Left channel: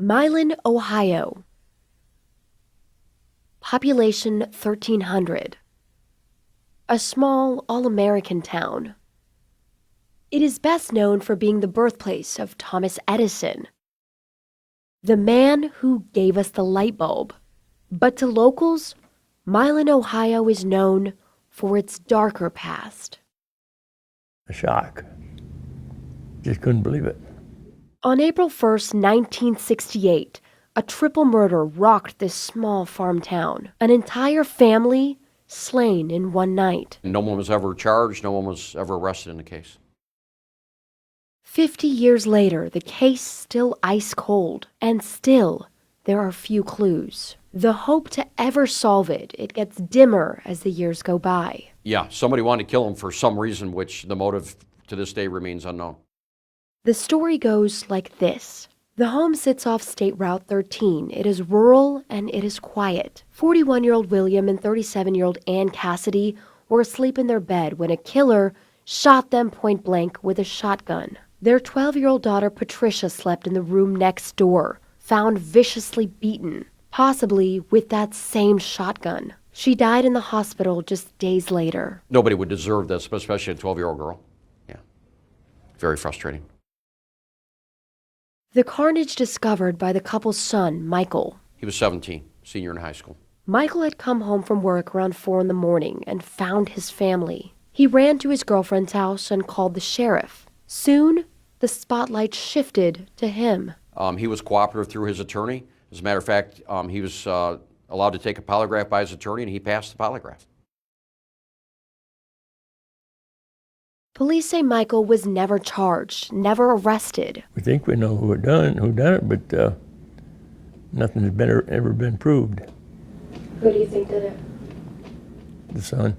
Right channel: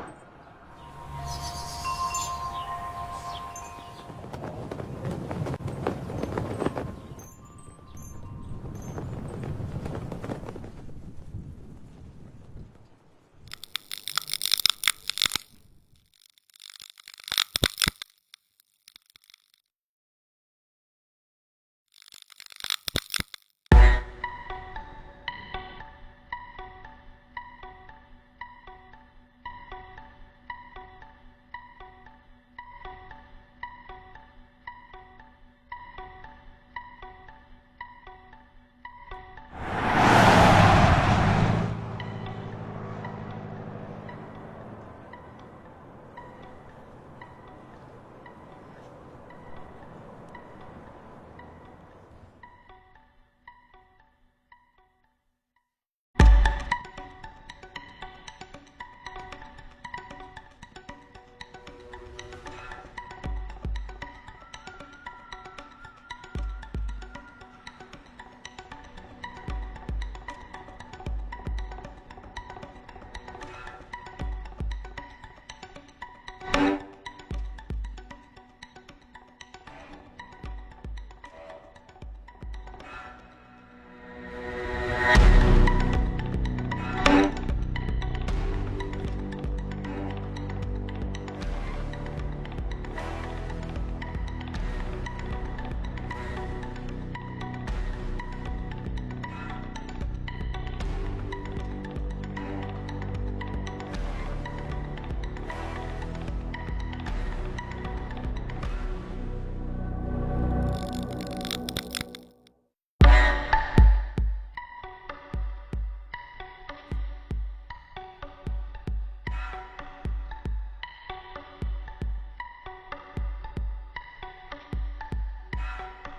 Milan, Ohio. Population 1,300. A small, all-American town. It is best known for being the birthplace of Thomas Edison, the man who gave us the light bulb. But to locals, Milan, Ohio is known for its darker past. Shock. Just couldn't believe it. On April 1st, 1968, a triple murder rocked this small farm town. An entire family slain in one night. No one was ever charged, no one was ever arrested in the case. 50 years later, the case still ice cold, and still there are few clues. The hope to ever solve it, it gets dimmer as the years go by. Yeah, somebody wanted to kill him for some reason, which the motive to this day remains unknown. The story goes like this. The home sits off State Route 13. It is rural and it is quiet. 41-year-old William and 37-year-old Ann Cassidy were asleep in their bed when a killer shot them point blank with a shotgun. Their 12-year-old daughter Patricia slept in the room next door, found viciously beaten, possibly with that same shotgun. She died in the hospital just days later. Nobody would deserve this, especially a 12-year-old girl. Very frustrating. The carnage discovered by the couple's son, Michael. He was 17, senior in high school. Michael had come home from work around 4 in the morning and found his family. He ran to his girlfriend's house and called the sheriff. Soon, the spotlight shifted to him. He was cooperative through his attorney. As a matter of fact, he was allowed to take a polygraph by his attorney, and he passed the polygraph. Police say Michael was never charged, never arrested. We think we know who done it, but nothing has ever been proved. Who do you think did it? The son,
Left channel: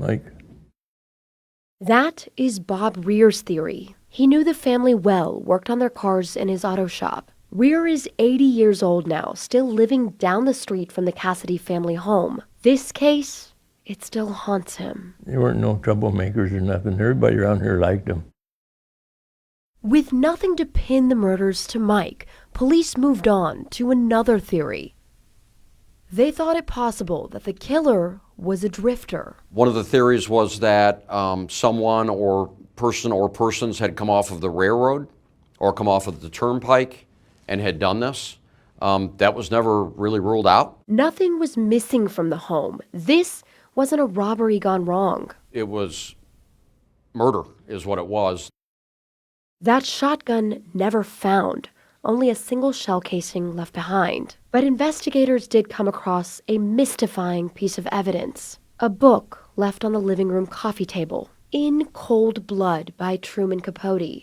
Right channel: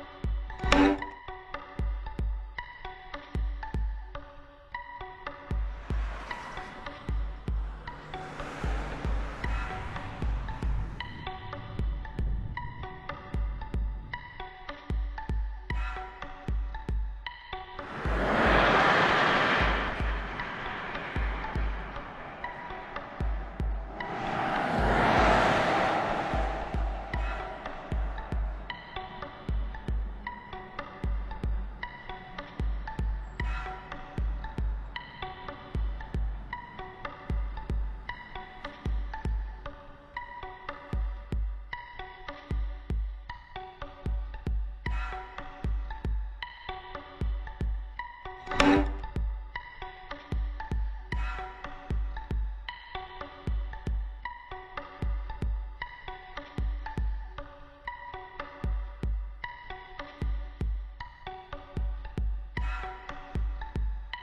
Mike. That is Bob Rear's theory. He knew the family well, worked on their cars in his auto shop. Rear is 80 years old now, still living down the street from the Cassidy family home. This case, it still haunts him. There weren't no troublemakers or nothing. Everybody around here liked him. With nothing to pin the murders to Mike, police moved on to another theory. They thought it possible that the killer was a drifter. One of the theories was that someone or person or persons had come off of the railroad or come off of the turnpike and had done this. That was never really ruled out. Nothing was missing from the home. This wasn't a robbery gone wrong. It was murder, is what it was. That shotgun never found, only a single shell casing left behind. But investigators did come across a mystifying piece of evidence. A book left on the living room coffee table, In Cold Blood by Truman Capote.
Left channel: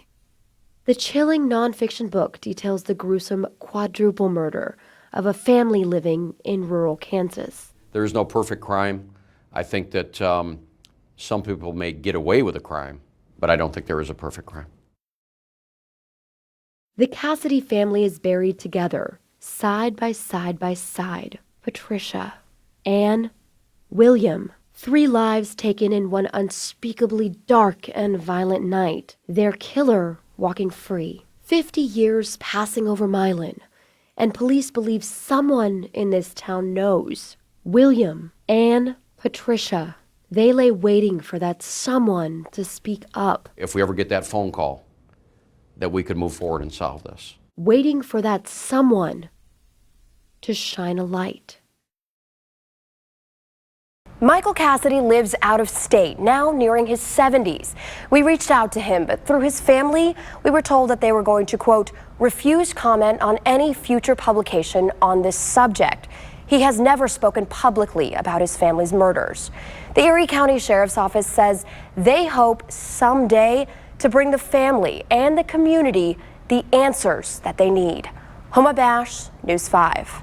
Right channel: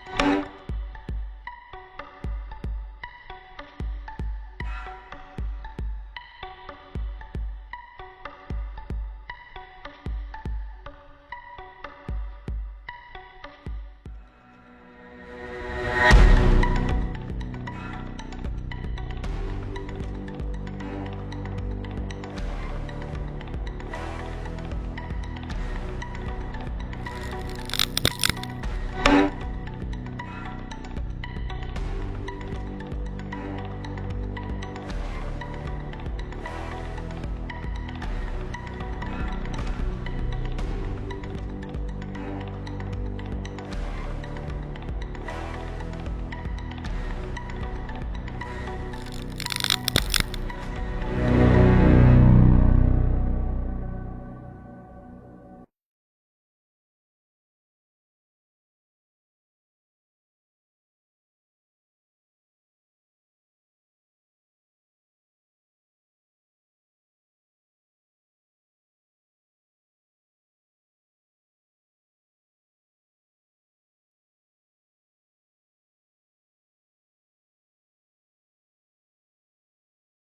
The chilling nonfiction book details the gruesome quadruple murder of a family living in rural Kansas. There is no perfect crime. I think that some people may get away with a crime, but I don't think there is a perfect crime. The Cassidy family is buried together, side by side by side. Patricia, Ann, William. 3 lives taken in one unspeakably dark and violent night. Their killer walking free. 50 years passing over Milan, and police believe someone in this town knows. William, Ann, Patricia. They lay waiting for that someone to speak up. If we ever get that phone call, that we could move forward and solve this. Waiting for that someone to shine a light. Michael Cassidy lives out of state, now nearing his 70s. We reached out to him, but through his family, we were told that they were going to, quote, refuse comment on any future publication on this subject. He has never spoken publicly about his family's murders. The Erie County Sheriff's Office says they hope someday to bring the family and the community the answers that they need. Homa Bash, News 5.